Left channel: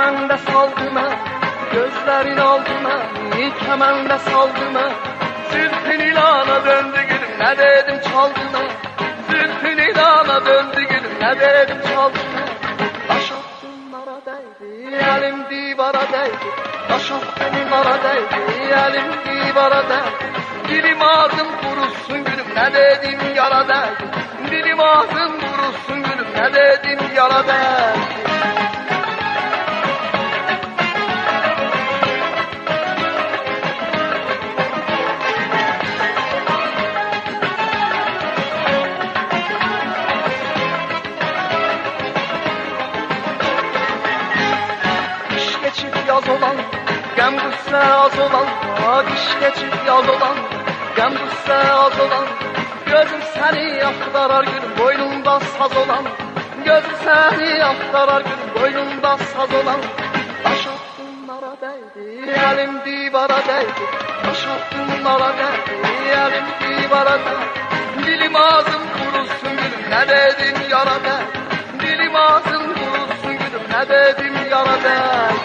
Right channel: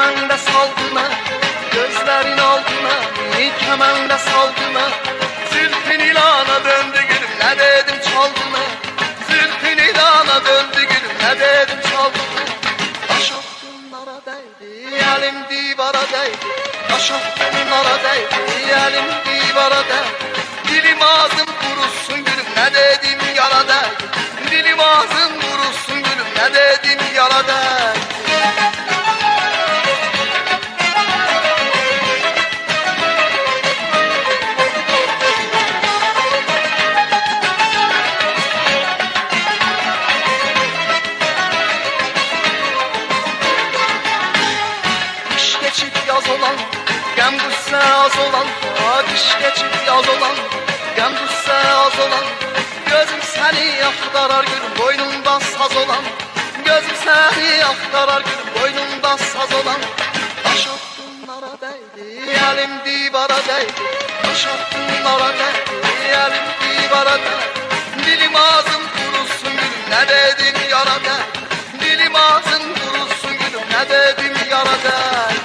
kemende saldıma, gözlerin aldıma, kemende saldıma. Zülfün ilana döndü gülüm, ne dedim çaldıma. Zülfün ilana döndü gülüm, ne dedim çaldıma. Taş attımlara değdi, elim divara değdi. Taş attımlara değdi, elim divara değdi. Dilim ağzım kurusun gülüm, ne dedim yara değdi. Dilim ağzım kurusun gülüm, ne dedim yara değdi. Yaz olan, gem gusse az olan, kış geçip yaz olan, gem gusse az olan. Gözüm seni aktarar gülüm, boynunda saz olan. Gözüm seni aktarar gülüm, boynunda saz olan. Taş attımlara değdi, elim divara değdi. Taş attımlara değdi, elim divara değdi. Dilim ağzım kurusun gülüm, ne dedim yara değdi. Dilim ağzım kurusun gülüm, ne dedim yara değdi.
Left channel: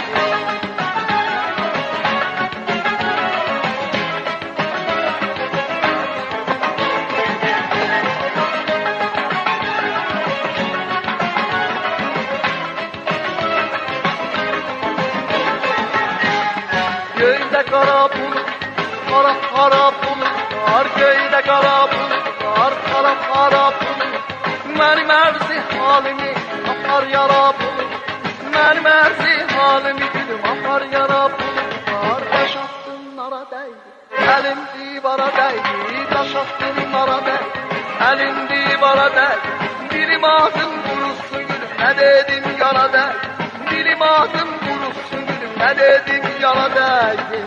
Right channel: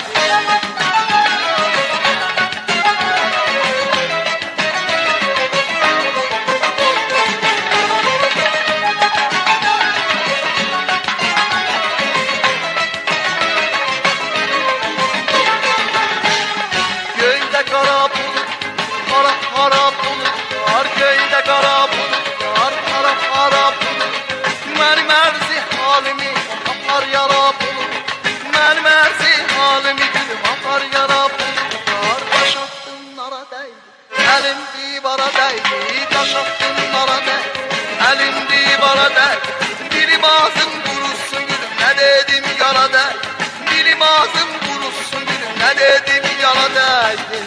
Kara bulut, kara kara bulut var. Köyde kara bulut var, kara kara bulut. Benim erzi halimi atar yara bulut. Benim erzi halimi gülüm atar yara bulut var. Taş attımlara değdi, elim divara değdi. Taş attımlara değdi, elim divara değdi. Dilim ağzım kurusun gülüm, ne dedim yara değdi. Dilim ağzım kurusun gülüm, ne dedim yara değdi.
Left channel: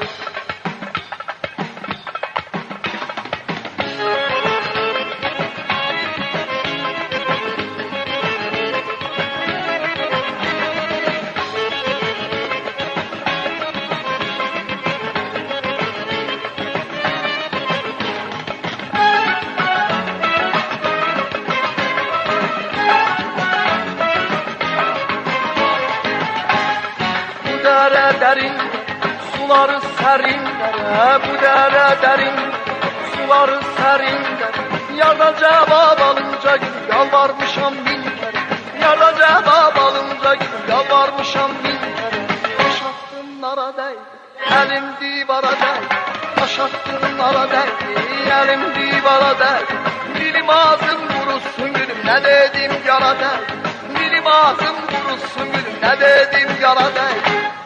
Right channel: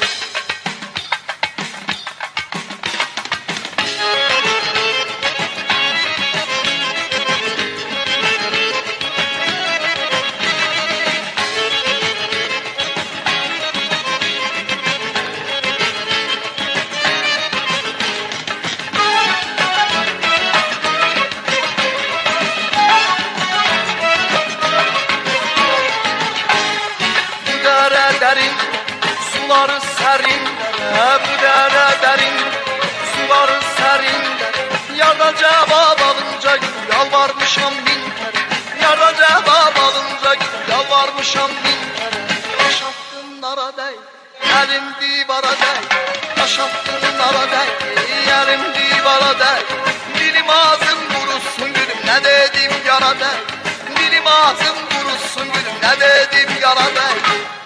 Derin, suları serinlere, bu dere derin, suları serinlere. Yardan cevap alınca gülüm, yalvarmışam bin kere. Yardan cevap alınca gülüm, yalvarmışam bin kere. Taş attımlara değdi, elim divara değdi. Taş attımlara değdi, elim divara değdi. Dilim ağzım kurusun gülüm, ne dedim yara değdi. Dilim ağzım kurusun gülüm, ne dedim yara değdi.